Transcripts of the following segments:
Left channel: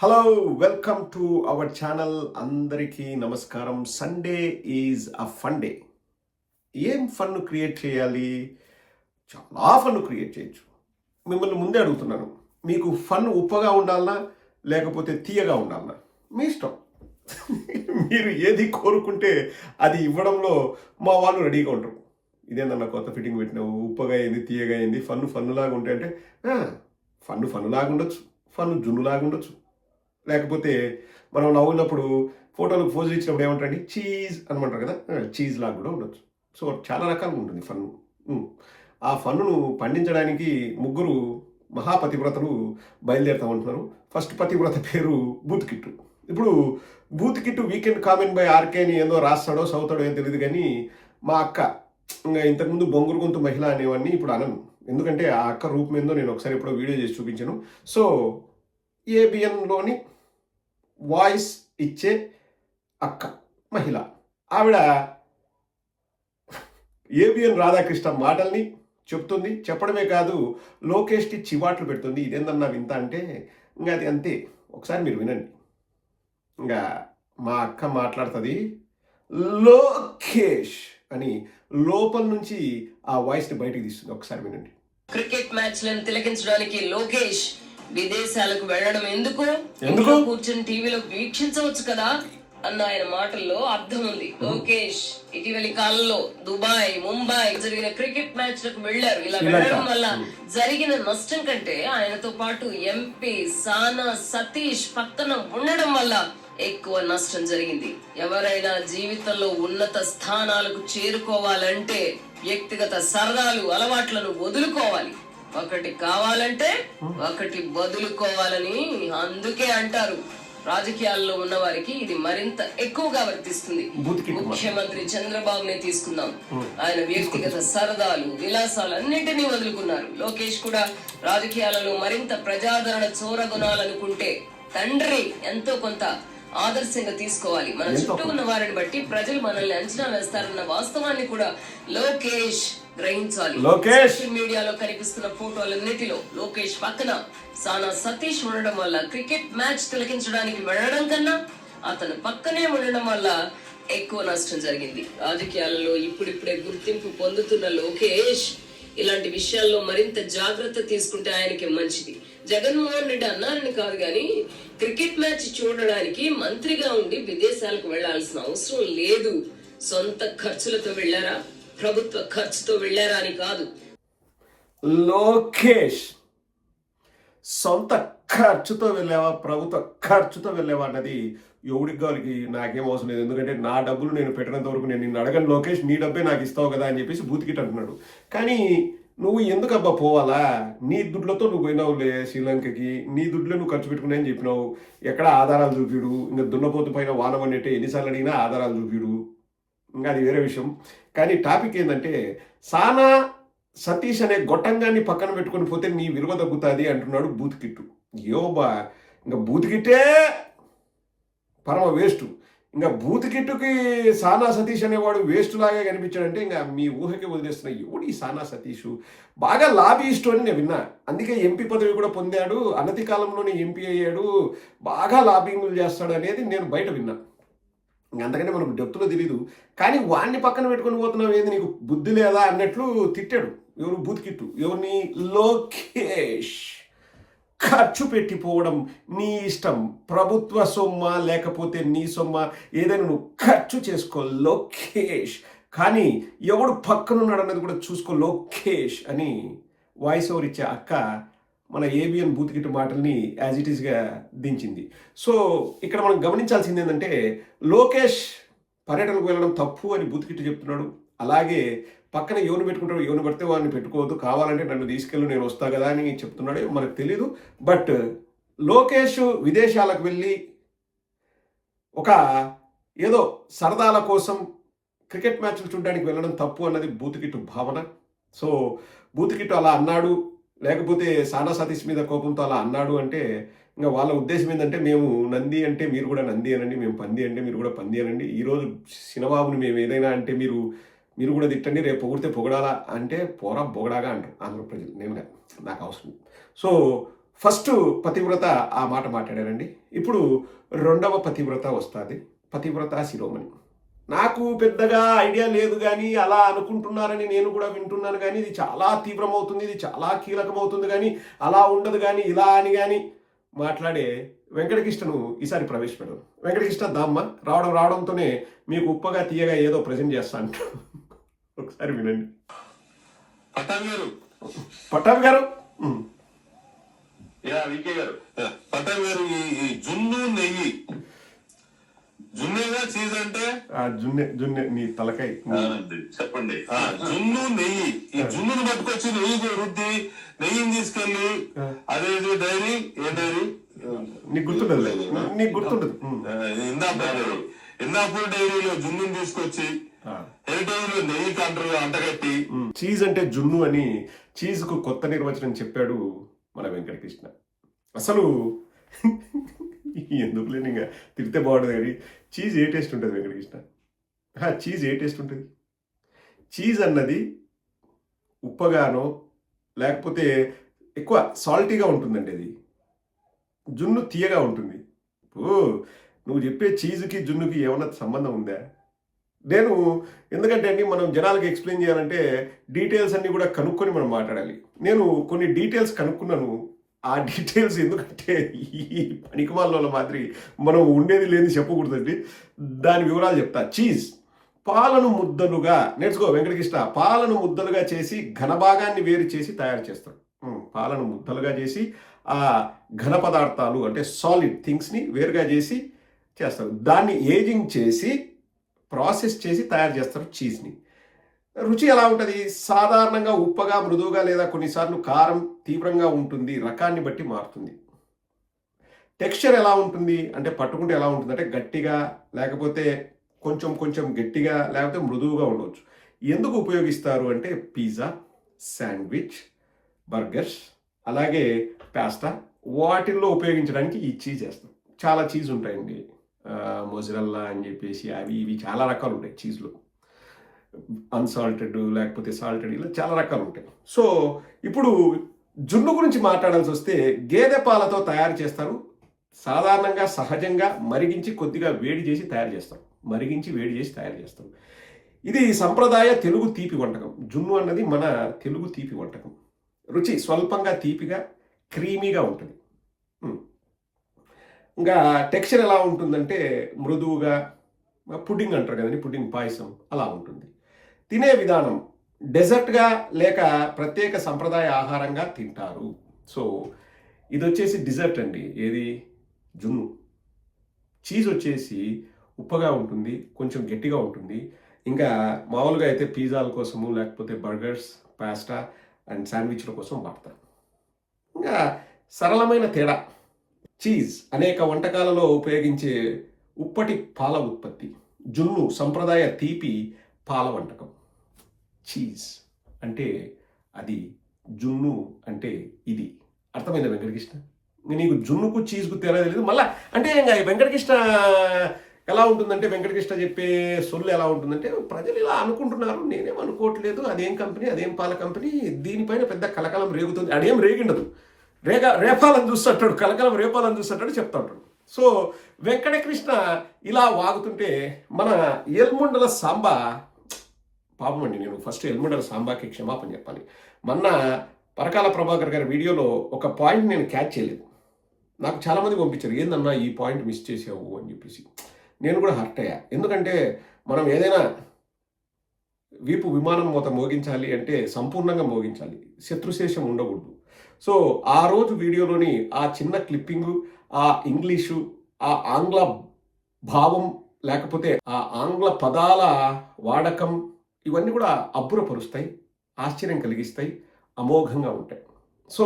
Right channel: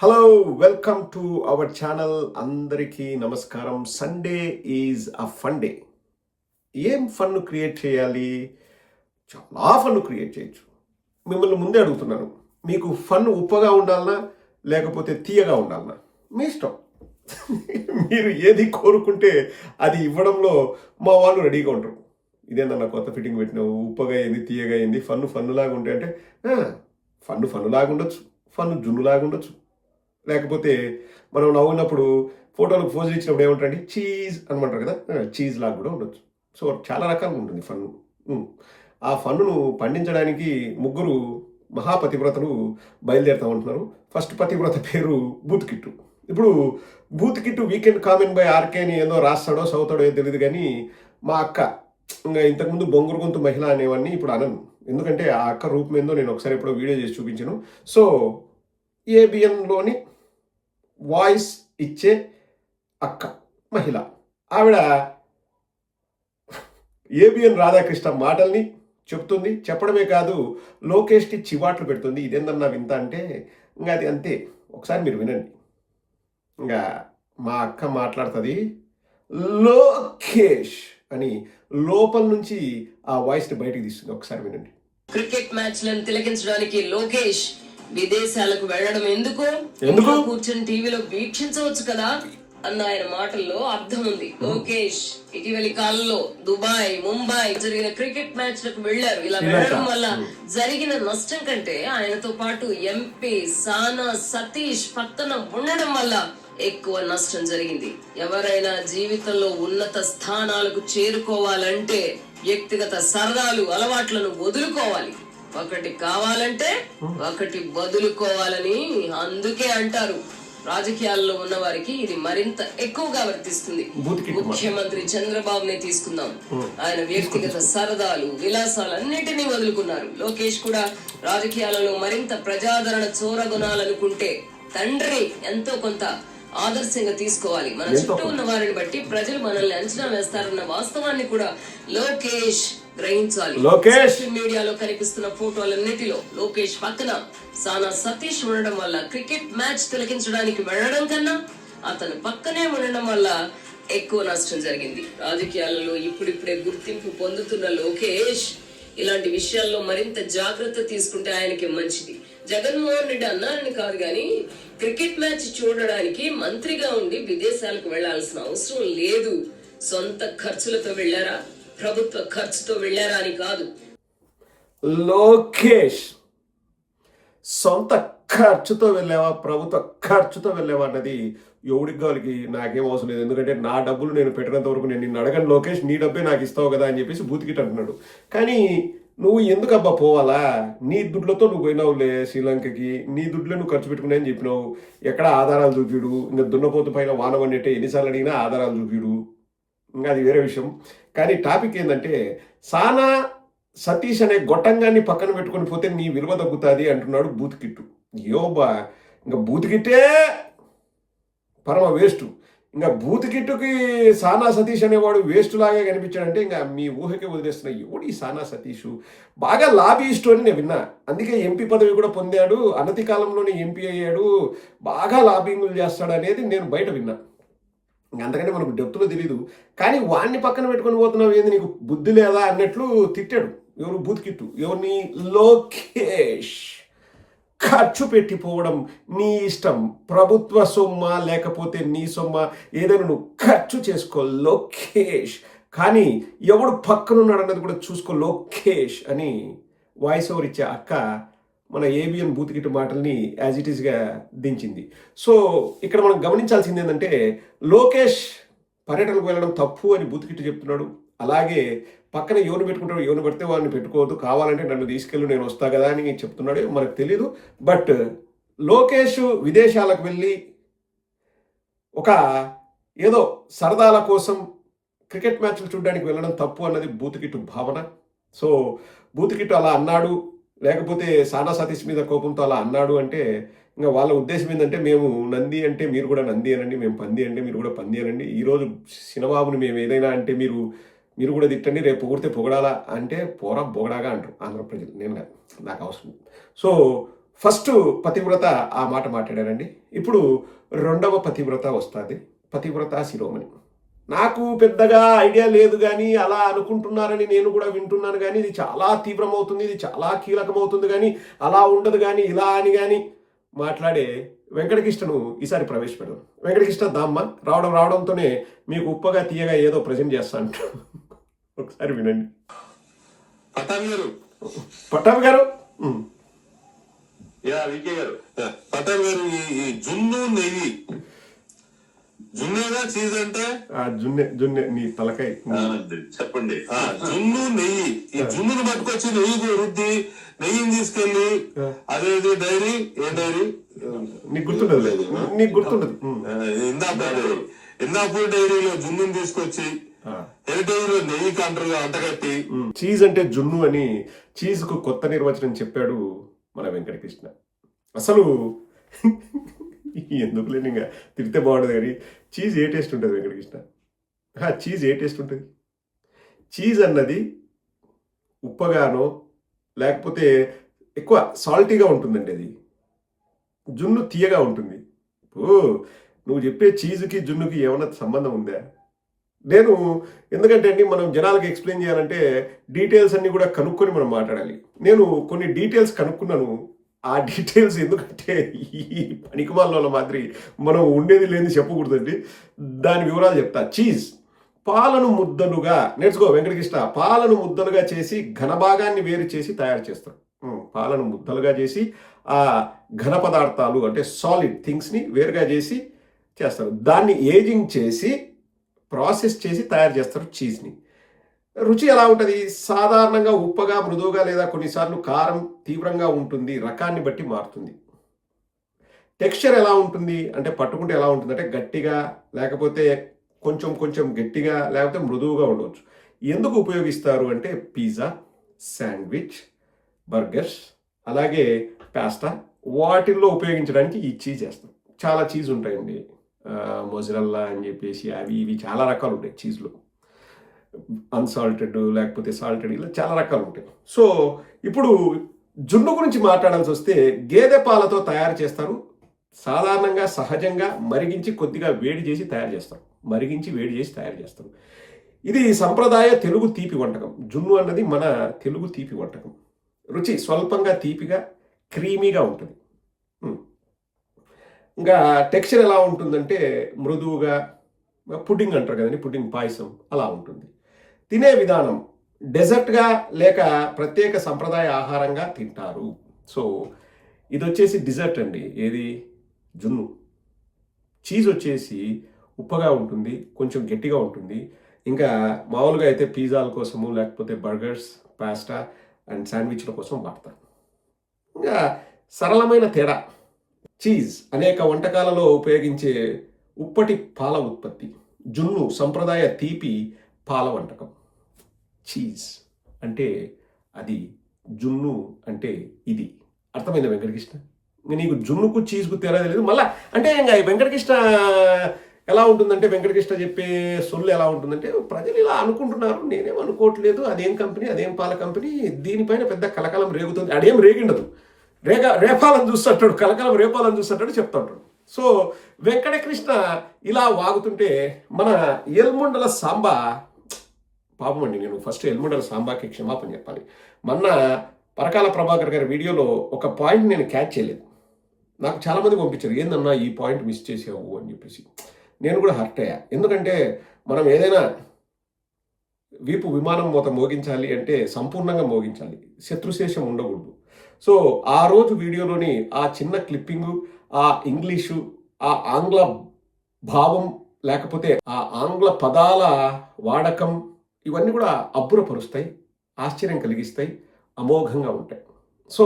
Hello welcome to our channel. అందరికీ నమస్కారం. Sunday is a fun day. ఏం fun create చేయాలి? చాలా ఫన్ క్రియేట్ చేయొచ్చు. మిమ్మల్ని ముందే అడుగుతున్నాను, మీకు ఫన్ ఉప్పగా ఉండాలనా లేకపోతే తీయగా ఉండాలనా? మీ ఇష్టం. మీరు ఏది కోరుకుంటే అది ఇవ్వడంలో మా వాళ్ళు రెడీగా ఉంటారు. ఇదేందన్నా కొత్త ఫిట్టింగ్ పెట్టినావు, ఉప్పగా ఏంది తీయగా ఏంది, ఫన్ను లాగా ఉంటే అంటే ఫన్ను లాగా ఉండొచ్చు, ఫన్ను జున్నులాగా ఉండొచ్చు. లేకపోతే మనం నవ్వున్నప్పుడు ఫోటోలకు పోజులు ఇచ్చినప్పుడు ఏమంటారండి, చీజ్ అనమంటారు కదా, చీజ్ లాగా కూడా ఉండొచ్చు. సో చాలా రకాలుగా ఉంటుంది ఫన్ను. ఆ ఫన్నును పండించడానికి ముగ్గురు మహాపతివ్రతలు బయలుదేరుతామంటున్నారు. ఫస్ట్ పతివ్రత పేరు బూత్ కిట్టు. ఇప్పుడు బూత్ కిట్టు వీకెండ్ కామెంట్ బై ఆర్కే అని ఏదో రాస్తాడో చదువుతాడో ఏదో తెలియదు, కానీ మా అక్క ఇంకా ఇంతకుముందు బొంగురు గొంతు మహిళ అనేవాడిని ఇప్పుడు అనను. ఎందుకంటే ఆ అక్క రూపం ఏందో నేను ఒకసారి ఎప్పుడో వీడియో చేసి చూపించాను. సో ఏబిఎన్లోని వాయిస్ ఇచ్చే అక్క మహిళ ఆవిడ ఏబిఎన్ రాధాకృష్ణ మాటల్ని చెప్తుంది. చెప్పడమే కాదు, లోకేష్కి చివాట్లు పెడుతుంది. ఇదేందన్నా వింత అంటే ఇంకా అది అంతే. ఒకసారి మీరు వినండి. ఇంకా మా అక్క మాట్లాడుతుంది, లోకేష్ అని లోపల నుంచి ఆ వాయిస్ని బయటికి తీస్తుంది. ఒకసారి వినండి. క్రికెట్ మ్యాచ్ లను తిలకించడానికి లోకేష్ విదేశాలకు వెళ్లడం ఎందుకు కూర్చొని టీవీలో వీక్షించవచ్చు కదా అన్న ఆయన మాటల్లో అర్థం ఉంది. లోకేష్ ఇటీవలి కాలంలో దుబాయ్, ముంబై జరిగిన క్రికెట్ మ్యాచ్ లకు వెళ్లారు. ఇలా వెళ్లడం వల్ల జరిగిన నష్టం కంటే ఆయనతో పాటు ఎంపీ సానా సతీష్ పక్కన ఉండడం వల్ల ఎక్కువ నష్టం జరిగింది. ఎవరైనా జీవితంలో ఉన్నత స్థానాలకు చేరుకోవాలంటే వ్యక్తిగత సరదాలు, అలవాట్లను వదులుకోవాలి. ఒకటి కావాలంటే ఒకటి వదులుకోవాలని అందుకే అంటారు. రాజకీయాల్లో ఉన్న వారికి ఇది మరింత ఎక్కువగా వర్తిస్తుంది. ముఖ్యమంత్రి చంద్రబాబునే తీసుకుందాం. ఆయన వ్యక్తిగత సరదాలు, విలాసాలు అన్నింటినీ వదులుకున్నారు. లోకేష్ కూడా రాజకీయాలలో మరింత ప్రజాదరణ చూరగొనాలనుకుంటే తండ్రి ఎంతో కొంత ఆదర్శంగా తీసుకోవాలి. మన చుట్టూ ఉన్న వారిని బట్టి ప్రజలు మనల్ని అంచనా వేస్తారన్న వాస్తవాన్ని కూడా లోకేష్ గ్రహించాలి. సోషల్ మీడియాలో కనిపిస్తున్న ఫోటోలన్నిటిలో లోకేష్ పక్కన సానా సతీష్ ఉండడం వల్ల క్రికెట్ మ్యాచ్ తిలకించడానికి వెళ్లడం కన్నా అతను పక్కనే ఉండడం వల్ల ఎక్కువ నష్టం జరిగింది. రాజకీయాలలో ఇప్పుడిప్పుడే గుర్తింపు పొందుతున్న లోకేష్ ఇలాంటి విషయాల్లో మరింత జాగ్రత్త తీసుకుంటే ఆయనకి మంచిది. జగన్మోహన్ రెడ్డి అన్నారని కాదు గాని క్రికెట్ మ్యాచ్ చూడడానికి మంత్రిగా ఉండి విదేశాలకు వెళ్లాల్సిన అవసరం లేదు. సొంత ఖర్చులతో వెళ్లారా, ప్రభుత్వ ఖర్చుతో వెళ్లారా అని కాదు. లోకేష్ సొంత ఖర్చుతో వెళ్ళావా, ప్రభుత్వ ఖర్చుతో వెళ్ళావా అన్నది ఎవడికి కావాలికి నాకేం అవసరం లేదు. ఎందుకంటే నా డబ్బులు నేను పెట్టినంత వరకు నేను నిన్ను అడగను లోకేష్, నీ డబ్బే నాకు ఇస్తావు కదా అని చెప్పేసి బూతికిట్ అంటున్నాడు. కానీ నువ్వు ఎందుకబ్బా పోవాలా? నీ దుడ్లతో నువ్వు పోయినావులే శ్రీలంకకి, నీ దుడ్లో నువ్వు ఖర్చు పెట్టుకున్నాయని చెప్పినావు. ఎక్కడ ఆధారాలు చూపిడు? ఇంకా దున్నపోతు పైన వాన వండేటే ఎన్నిసార్లు అడిగినా ఆధారాలు చూపిడు. ఇంకా అది వేరే విషయం. కానీ టాపిక్ ఏంటంటే, సానా సతీష్ అనే గొట్టంగాన్ని పక్కన పెట్టుకొని పోతే నీ విలువ తగ్గుతుంది అంటున్నాడు బూతికిట్టు. యోబా ఇంకా బూతికిట్టే పరమ వేస్ట్. ఇంకా బూతికిట్టుకి సానా సతీష్ అనేవాడు వేస్ట్ లాగా కనిపించాడంటే ఇంకా మీ ఊహకే వదిలేస్తున్నా. ఎవడు ఈ సానా సతీష్? బాగా లాబీయిస్టు అని నేను విన్నా. అందుకే ఎంపీ పదవి కూడా పొందాడు, అనతి కాలంలోనే ఎంపీ అయ్యాడు, బాగా లాబింగ్లు చేస్తాడు అనేది నేను బయట విన్నా. అంతకంటే మనకు డెప్త్లో తెలీదు. కానీ వాడిని పక్కన పెట్టుకొని పోతున్నావు ఏంది, నీకు బుద్ధి లేదా అన్నట్లు తిట్టాడు. ఎవరు? బూతికిట్టు. ఎవరిని? లోకేష్. ఖర్చు పెట్టిపోవడం నీ ఇష్టం. ప్రభుత్వ సొమ్మ లేకపోతే నీ సొమ్మ ఏదైనా నువ్వు ఖర్చు చేసుకో లోకేష్. కానీ ఎవడు పక్కనున్నాడు అన్నది కూడా చూసుకో లోకేష్ అని వాయిస్ ఓవర్ ఇచ్చే అక్క మన ఏబిఎన్ బూతికిట్టు మాటల్ని యాజ్ ఇట్ ఈస్గా దించింది. సో ఇక్కడ మనం గమనించాల్సింది ఏంటంటే, లోకేష్ పర్యటనకు వెళ్ళడం తప్పు అని బూతికిట్టు చెప్తున్నాడు. అలాగే పక్కన ఎవరిని పెట్టుకుంటాడు, ఎవరిని పడితే వాడిని పెట్టుకోవద్దు, కావాలంటే నన్ను తీసుకెళ్ళి నేను వస్తా కదా అని చెప్తున్నాడు. మనకు తెలీదు. బట్ లోకేష్ విదేశాలకు వెళ్ళి ఒక ఏదో సరదాల కోసం క్రికెట్ మ్యాచ్లు చూడడానికి వెళ్ళడం తప్పు అన్నది బూతికిట్టు భావన. సో బూతికిట్టు అలా అన్నాడు, లేకపోతే సానా సతీష్ మీద కోపంతో అలా అన్నాడు అంటే ఇంకా వాళ్ళ ఉద్దేశం ఏంటంటే, మేము నంది అంటే మీరు కూడా నంది అనండి, మేము పంది అంటే మీరు కూడా పంది అనండి, ఈరోజు సినబాబుని మేము ఏదైనా అంటే మీరు కూడా తిట్టండి, రేపు పొగిడితే పొగడాలా అంటే పోరా బొగడాగా అంటారు ఆంధ్ర ప్రజలు. నేను కాదు, నాకు అవసరం. సో ఫస్ట్ పతివ్రత ఆ మాట మాట్లాడారండి. ఇప్పుడు రెండవ పతివ్రత వస్తుంది, పతివ్రత శిరోమణి. నాకు పెద్దగా ఐడియా లేదు కానీ అలా అనుకుంటున్నారని నేను కూడా వింటున్నాను కానీ ఇది చాలా తీవ్రమవుతుంది, ఇది చాలా కీలకమవుతుంది కానీ అలా ఉండదు కానీ ఇలా అని కానీ మాట్లాడే వెంకటకృష్ణను ఈసారి ప్రవేశపెడదాం. వెంకటకృష్ణ దామ్మ రావడంతోనే మీకు ఉప్పగా తీయగా ఏదో ప్రజెంట్ చేస్తా అంటారు. ఒకసారి వినండి. పట్టాభి గారు వికే గారు, పటాన్ గారు, ఈ జున్ను నెయ్యి, జున్నేగా చీజ్ అంటే జున్నే నీ తలకాయ చెప్పండి. జున్ను నెయ్యి, ఈ జున్నును పట్టుకొచ్చి నెయ్యి రుద్ది నెయ్యిని తీసుకెళ్లి అదేది డైరీ, ఏ డైరీ నీకు గుర్తుండదు, నీకు గుర్తుండదు. ఇందాపూర్ డైరీలో జున్నుని తీసుకొచ్చి హెరిటేజ్ లో నెయ్యి కంటరుగా అంటగట్టి చీజ్ అంటే జున్ను అని చీజ్ కు కొత్త నిర్వచనం చెప్పాడు మన వెంకటకృష్ణ. అసలు ఎందుకు లేని ఇంకా తిరిగితే బాగుంటుంది కానీ చీజ్ ఏ టేస్ట్ ఉంటుంది వెంకటకృష్ణ? చీజ్ ఏ టేస్ట్ ఉంటుంది? చీజ్ అన్నది ఉప్పగానో లేకపోతే ఎక్కువ సాల్టీగా ఉంటుందండి. అది జున్ను తీయగా ఉంటుంది. నువ్వు చెప్పే చీజ్కి జున్నుకి ఏమన్నా సంబంధం ఉందా? నేను ఎందుకంటే అండి మనం జనాలకు ఎక్స్ప్లెయిన్ చేయాలంటే డీటెయిల్స్ అన్నీ కూడా కనుక్కొని మనం మాట్లాడాలి. నేను కొన్ని డీటెయిల్స్ కనుక్కున్నాను. ఆ డీటెయిల్స్ ఎందుకంటే ఈ పనికిమాల మాదిరి మనం ఉండేది లేని చెప్పకూడదండి. దాని వివరాలు చెప్తా. చీజ్ పాలను ముద్దలుగా నేర్చుకో వెంకటకృష్ణ. పాలను ముద్దలుగా చేసి ఘనభాగాన్ని వేరు చేసి తయారు చేస్తారు. పాలను ముద్దలుగా చేసి ఆ ఘన పదార్థాలు అంటే సాలిడ్ థింగ్స్ని వేరుగా చేసి చేస్తారు. దాన్ని ఏజింగ్ చేసి ప్రాసెస్ చేసి తయారు చేస్తారు చీజ్ని. రుచి ఎలా ఉంటుంది? సాధారణంగా ఉప్పగా, మృదువుగా లేదా కొన్నిసార్లు కారం తీవ్రంగా ఉంటుంది. రకాన్ని బట్టి మారుతుంది. టెక్స్చర్ ఎలా ఉంటుంది అంటే పట్టుకుంటే ఎలా ఉంటుంది అంటే గట్టిగా, లేకపోతే కొంచెం కొంచెం గట్టిగా, లేకపోతే మృదువుగా ఉండవచ్చు. ఎందుకు ఉపయోగిస్తారు అంటే పిజ్జా, శాండ్విచ్, బర్గర్స్, అలాగే పాస్తా వాటిల్లో ఉపయోగించడానికి ఈ చీజ్ వేస్తాం. చాలా చీజ్ ఉంటాయండి. మొజరెల్లా అని చెప్పేసి అవి ఇవి చాలా రకాలు ఉంటాయి చీజ్లో. అన్సాల్టెడ్ లేకపోతే సాల్టెడ్, ఇలా చాలా రకాలు ఉంటాయి. సో ఇప్పుడు జున్ను గురించి మాట్లాడాల్సి వస్తే గేదె పాలతో తయారు చేస్తారు. సాధారణంగా సహజంగా మరిగించి కొద్దిగా వేడి చేసి తయారు చేస్తారు. మరిగించి వేడి చేసి తయారు చేస్తారు. ఇది సంప్రదాయ తెలుగు తీపి వంటకం. జున్ను అన్నది మన తెలుగు తీపి వంటకం. రుచి స్వల్పంగా తీపిగా క్రీమీగా ఉంటుంది. ఇంకా టెక్స్చర్ ఎలా ఉంటుందంటే మృదువుగా, పుడ్డింగ్ అంటారు కదండి, పుడ్డింగ్ పాయసం అలా ఉంటుంది. తినే విధానం డెజర్ట్గా లేక ప్రత్యేక సంప్రదాయ ఆహారంగా తింటారు. సో ఇది వచ్చేసి డిజర్ట్ అండి. ఏది? జున్ను. చీజ్ వచ్చేసి ఉప్పగా ఉంటుంది, కొంచెం గట్టిగా ఉంటుంది. ఇంకా మామూలుగా అయితే పిజ్జాల కోసము లేకపోతే బర్గర్స్, పాస్తా అండ్ శాండ్విచ్ల కోసం వాడతారు. ఇంకా సరళమైన తేడా. చీజ్ అనేక వంటకాలలో ఉపయోగించే ఉప్పటి పాల ఉత్పత్తి. జున్ను సంప్రదాయ తీపి పాల వంటకం. చీజ్ అంటే అది, జున్ను అంటే ఇది. అర్థమైందా వెంకటకృష్ణ? నీకు జున్నుకు చీజ్కు తేడా తెలియదు. మళ్ళీ అంటే ఇంకా వెంకటకృష్ణ ఎలా ఉంటుందంటే, వెంకటకృష్ణ చెప్పే సొల్లు ఎలా ఉంటుందంటే, ప్రజలు ఇలా అనుకుంటున్నారు, నేనేం అనుకోవట్లేదు, అదేం కంపెనీ, అదేం పాల కంపెనీ, దీనిపైన పెద్ద కలకలం రేగుతుంది. అదేం రేగిండదు. రేపాలను చూస్తుంటాడు, కలకలం రేపాలను చూస్తుంటాడు, చెప్తుంటాడు. సో వెంకటకృష్ణ ఇలా వాగుతుంటే మన ఎల్ముండల సాంబా, పాపం అండి, నేను ఫస్ట్ ఎల్ముండల సాంబాకి క్షమాపణ చెప్పాలి. మొన్న పరకాల ప్రభాకర్ గారి వీడియోలో ఒక పాయింట్ నేను క్యాచ్ చేయలేదు. నాకు చాలామంది పంపించారు, ఏందన్నా ఈ పాయింట్ మిస్ చేసావు అని చెప్పేసి. నేను కూడా హర్ట్ అయ్యా. ఎందుకంటే మనం ఏదైనా వీపు విమానం మూత మోగించాలి అంటే సంపూర్ణంగా మోగించాలి, శత్రుశేషం ఉండకూడదు. సో ఆ రోజు వీడియోలోని ఆ చిన్న క్లిప్పింగు, ఆ ఇంగ్లీషు, ఆ ఆంగ్ల భావం, లేకపోతే ఆ ఆంగ్ల పదాల వాడకం, ఇవన్నీ కూడా అబ్బురపరుస్తాయి, ఆశ్చర్యం కలిగిస్తాయి, అమోఘంగా ఉంటాయి. సో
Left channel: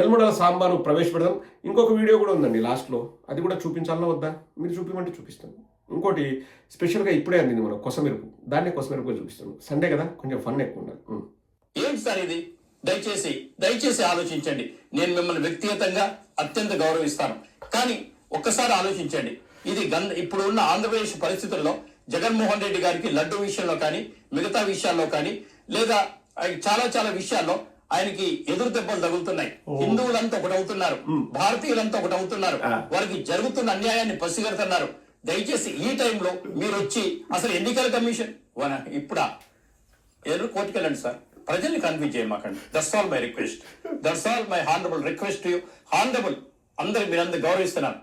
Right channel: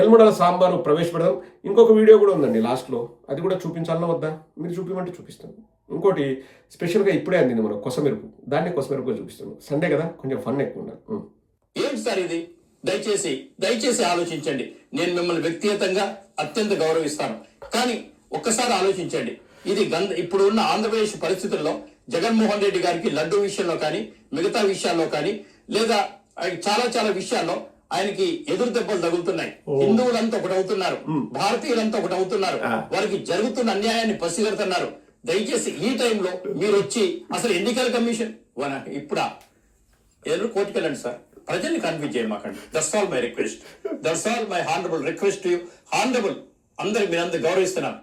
ఎల్ముడల సాంబాను ప్రవేశపెడదాం. ఇంకొక వీడియో కూడా ఉందండి లాస్ట్లో, అది కూడా చూపించాలన్నా వద్దా? మీరు చూపించమంటే చూపిస్తాను. ఇంకోటి స్పెషల్గా ఇప్పుడే అందింది మన కొసమెరుపు, దాన్ని కొసమెరుపుగా చూపిస్తాను. సండే కదా, కొంచెం ఫన్ ఎక్కువ ఉండాలి. ఏంటి సార్ ఇది? దయచేసి ఆలోచించండి. నేను మిమ్మల్ని వ్యక్తిగతంగా అత్యంత గౌరవిస్తాను, కానీ ఒక్కసారి ఆలోచించండి. ఇది ఇప్పుడు ఉన్న ఆంధ్రప్రదేశ్ పరిస్థితుల్లో జగన్మోహన్ రెడ్డి గారికి లడ్డు విషయంలో కానీ, మిగతా విషయాల్లో కానీ, లేదా చాలా విషయాల్లో ఆయనకి ఎదురు దెబ్బలు తగులుతున్నాయి. హిందువులంతా ఒకటి అవుతున్నారు, భారతీయులంతా ఒకటి అవుతున్నారు, వారికి జరుగుతున్న అన్యాయాన్ని పసిగడుతున్నారు. దయచేసి ఈ టైంలో మీరు వచ్చి అసలు ఎన్నికల కమిషన్ ఇప్పుడా ఏదో కోర్టుకు వెళ్ళండి సార్, ప్రజల్ని కన్ఫ్యూజ్ చేయమాకండి. That's all my request, that's all my honourable request to you. Honourable అందరికి మీరందరూ గౌరవిస్తున్నాను.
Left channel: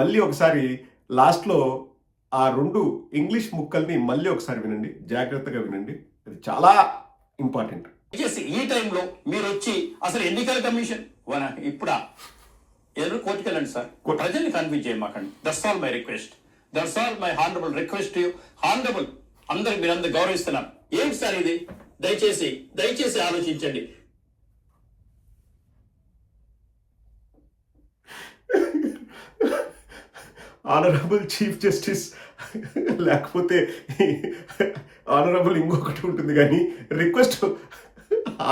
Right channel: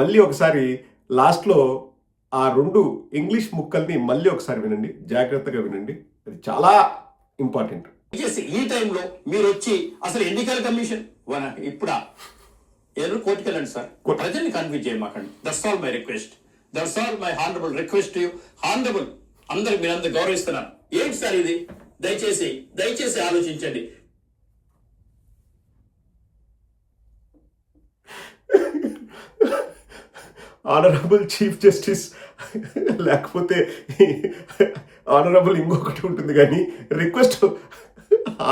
మళ్ళీ ఒకసారి లాస్ట్లో ఆ 2 ఇంగ్లీష్ ముక్కల్ని మళ్ళీ ఒకసారి వినండి, జాగ్రత్తగా వినండి, అది చాలా ఇంపార్టెంట్. దయచేసి ఈ టైంలో మీరు వచ్చి అసలు ఎన్నికల కమిషన్ ఇప్పుడా ఏదో కోర్టుకు వెళ్ళండి సార్, ప్రజల్ని కన్ఫ్యూజ్ చేయమాకండి. That's all my request, that's all my honourable request to you. Honourable అందరికి మీరందరూ గౌరవిస్తున్నాను. ఏంటి సార్ ఇది? దయచేసి ఆలోచించండి. ఆనరబుల్ చీఫ్ జస్టిస్ లేకపోతే ఆనరబుల్ ఇంకొకటి ఉంటుంది, కానీ రిక్వెస్ట్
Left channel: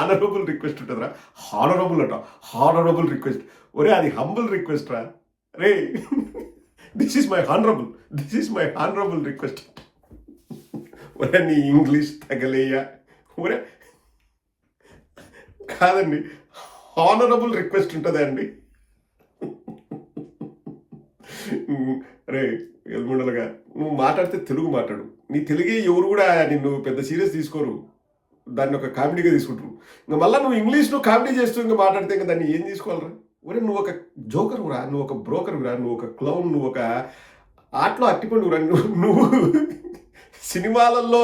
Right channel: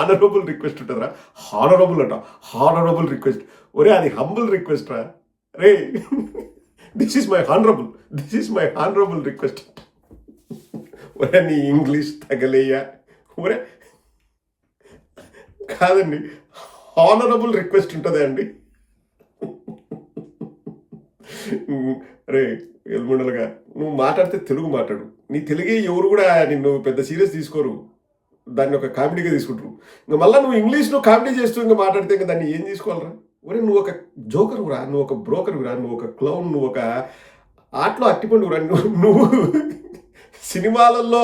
ఆనరబుల్ రిక్వెస్ట్ ఉంటుందిరా. హానరబుల్ అంట, హానరబుల్ రిక్వెస్ట్. ఒరే అది హంబుల్ రిక్వెస్ట్ రా రే. This is my honourable request. ఒరే నీ ఇంగ్లీష్ తగలేయ్యా. ఒరే కాదండి, హానరబుల్ రిక్వెస్ట్ ఉంటుందా అండి? రే ఎల్ముండలుగా నువ్వు మాట్లాడితే తెలుగు మాట్లాడు. నీ తెలుగే ఎవరు కూడా నిన్ను పెద్ద సీరియస్ తీసుకోరు, దాన్ని ఒక కామెడీగా తీసుకుంటారు. ఇంకా మళ్ళీ నువ్వు ఇంగ్లీష్లో కామెడీ చేస్తూ ఇంకా మాట్లాడితే ఇంకా దాన్ని ఏం తీసుకోవాలరా? ఒరే నువ్వు ఒక జోకరురా, నువ్వు ఒక బ్రోకరురా, నువ్వు ఒక క్లౌన్, నువ్వు ఒక ఆటలో అట్టిపండురా. నువ్వు సినిమాలలో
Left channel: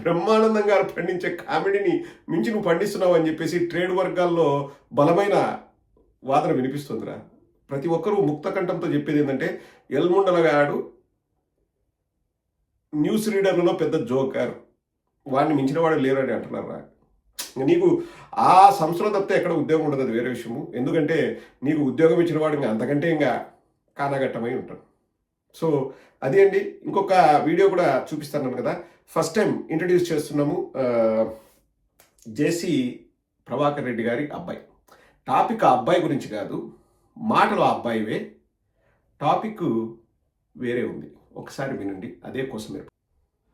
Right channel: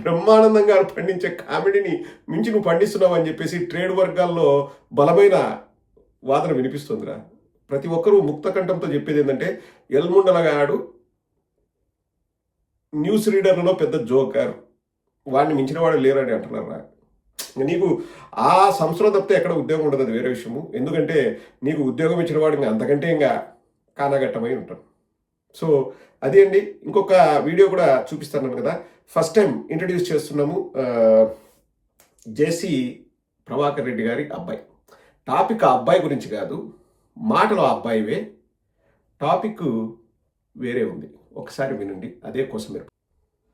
బ్రహ్మానందం గారు పండించే కామెడీని మించి నువ్వు పండిస్తున్నావు అని చెప్పేసి ట్రేడ్ వర్గాల్లో బలమైన వాదన వినిపిస్తుందిరా. ప్రతి ఒక్కరూ ముక్త కంఠంతో చెప్పేది ఏంటంటే ఎల్ముండలగాడు న్యూస్ రీడర్లలో పెద్ద జోకర్, వాడిని మించిన వాడు లేరని అంటున్నారా. నీకు ఆ సంవత్సరం తప్పితే ఎక్కడ ఉద్యోగం ఉండదు, అది వేరే విషయము. ఎందుకంటే నీకు ఉద్యోగం ఇచ్చిన వాడు ఇంకా అంతకంటే ఇంకా కానాగట్టమై ఉంటాం. సో అదే అండి, ఇంకొక వీడియో కూడా చూపిస్తాను కదా. ఫస్ట్ టైం ఇంట్రడ్యూస్ చేస్తున్నాము జేసీ ప్రభాకర్ రెడ్డి గారి అబ్బాయి. టాపిక్ ఆ అబ్బాయి గురించి కాదు, మాటలు ఆ అబ్బాయివే, టాపిక్ వేరే ఉంది. ఒకసారి వినండి, అదే కోసం మీరు.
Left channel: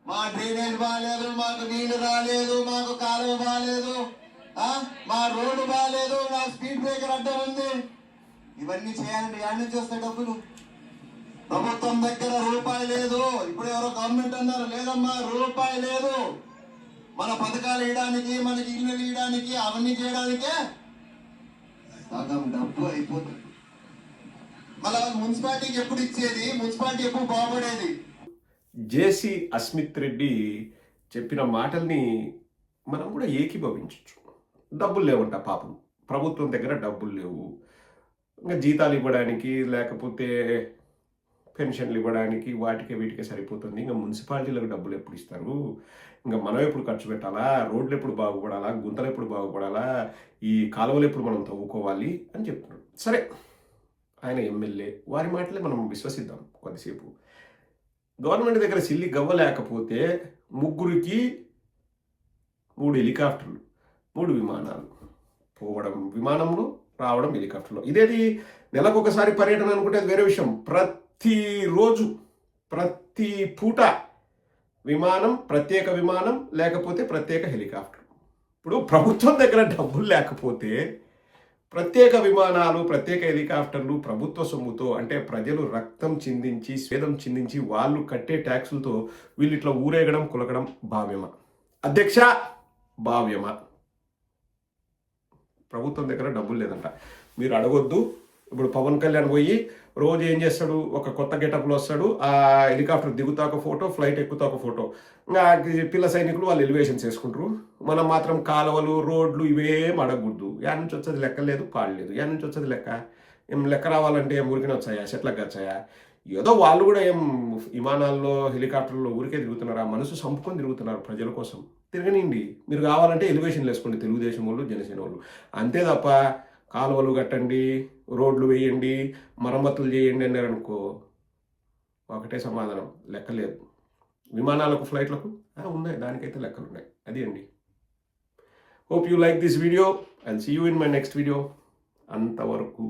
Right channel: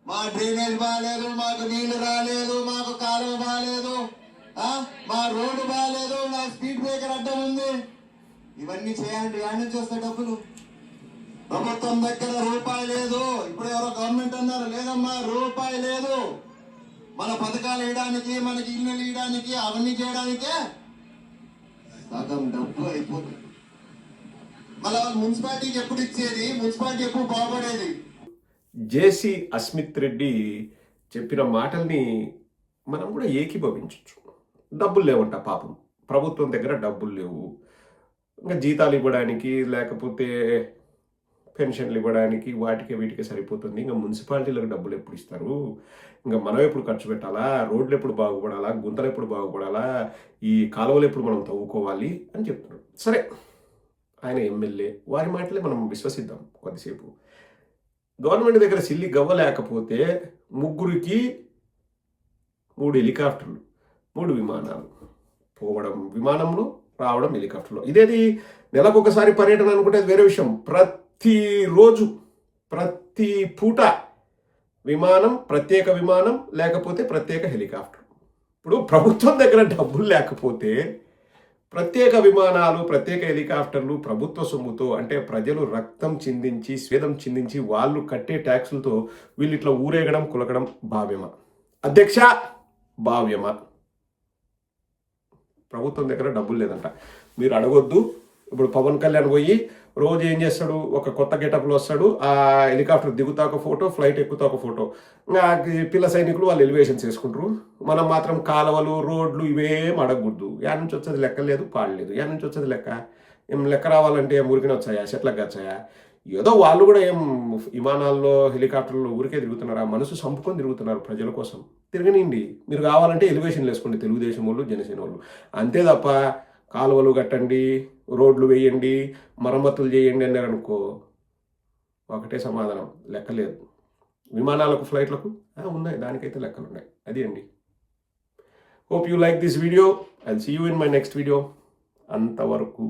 మా డ్రైనేజ్ బాగాలేదు, మాకు నీళ్లు రాలేదు, మాకు కాలువ బాగాలేదు, మా రోడ్డు బాగాలేదు, మా స్పీడ్ బ్రేకర్ అడ్డం ఉంది. ఇవన్నీ చేయాలంటే యాడ్ నుంచి వస్తాయి డబ్బులు? ప్రభుత్వం దగ్గర రూపాయి లేదు. ఇప్పుడు ఎవరో గవర్నమెంట్ అన్నారు, లేదమ్మా రూపాయి లేదు. మన పథకాలు వేయడానికి, మనకి ఇల్లు వేయడానికి, అవన్నీ చేయడానికే సగం డబ్బు అయిపోతుంది. మళ్ళీ మున్సిపాలిటీకి ఎప్పుడు ఇచ్చేది? మున్సిపాలిటీ ఎప్పుడు బాగుపడేది? జేసీ అస్మిత్ రెడ్డి చెప్పిన మాటల్ని మనం కూడా ఏకీభవించవచ్చు. డబ్బులు లేవంట పాపం, ప్రభుత్వం దగ్గర డబ్బులు లేవు, ఇంకా జీతాలు ఇవ్వడానికి లేకపోతే పెన్షన్లు ఇవ్వడానికి వాటికి వీటికి సరిపోతుంది. ఇంకా మున్సిపాలిటీలకు డబ్బులు ఎప్పుడు ఇస్తారు? ఇంకా మనం ఎప్పుడు ఖర్చు పెట్టాలా? రోడ్లు ఎప్పుడు బాగుపడాలా? గుంతలు ఎప్పుడు బాగుపడాలా? ఈ కాలువలు ఎప్పుడు మనం తవ్వుకోవాలి అని చెప్తున్నాడు. సరే, ఆయన ఎమ్మెల్యే, వారి మాటలే మనం విశ్వసిద్దాం కొద్దిసేపు. గవర్నమెంట్ దగ్గర సిల్లి గవ్వ లేకపోతే 3 హెలికాప్టర్లు, 3 విమానాలు, పోవడం విమానంలో, రావడం హెలికాప్టర్లో. ఇదేది నెలకొకసారి పర్యటన అనుకుంటే వేరే విషయం. ప్రతిరోజు ప్రతి పూట విమానం, ప్రత్యేక విమానం, లేకపోతే ప్రత్యేక హెలికాప్టర్. ఇప్పుడు ప్రభుత్వం దగ్గర డబ్బులు లేకపోతే ప్రత్యేక విమానాలు, ప్రత్యేక హెలికాప్టర్లు ప్రభుత్వ సొమ్ముతో, అంటే ప్రజలు రక్తం చిందించి స్వేదం చిందించి వాళ్ళు కట్టే ట్యాక్సులతో వీళ్ళు ఇట్లా ఊరేగడం, కులకడం భావ్యమా అధ్యక్ష? భావ్యమా? ప్రభుత్వం దగ్గర డబ్బులు లేదంట, మీరు అడగొద్దు. ఇప్పుడు పవన్ కళ్యాణ్ పోయి రోజు ఏం చేస్తాడు? ఒక కొత్త గెటప్లో వస్తాడు, ఆ హెలికాప్టర్ దిగుతా ఒక ఫోటో, ఫ్లైట్ ఎక్కుతా ఒక ఫోటో. ఇంకా పిల్ల సైనికులు వాళ్ళు ఎలివేషన్స్ చేసుకుంటారు. మనం మాత్రం కాలువలు, రోడ్లు ఇవేం అడగకూడదు. యా నుంచి వచ్చేది లెక్క లేదు, పాడలేదు. యా నుంచి వచ్చేది లెక్క? ఏం లెక్క రావాలంటే ఏం ఊరికినే వచ్చాయా? చెట్లకు వచ్చాయా? ఏదో వాళ్ళు కూడా ఏం విమానాల్లో, హెలికాప్టర్లో ఊరికే తిరుగుతున్నారా? మనసు సంపుకొని తిరుగుతున్నారు ప్రజల కోసం. తిరగనిండి, మీరు కావాలంటే ఎలివేషన్లు వేసుకోండి, తెలుగుదేశం వాళ్ళు, జనసేన వాళ్ళు. అంతే తప్ప కాలువలు కట్టండి, రోడ్లు వేయండి, మరమ్మతులు చేయండి అన్నారనుకో ఒకటే సమాధానం, లెక్కలేదు. విమానాలకు, ఫ్లైట్లకు ఉన్నాయి, దానికైతే లెక్కలు ఉన్నాయి. అది అండి. Hope you like this video. I'll see you in my next video. అంతవరకు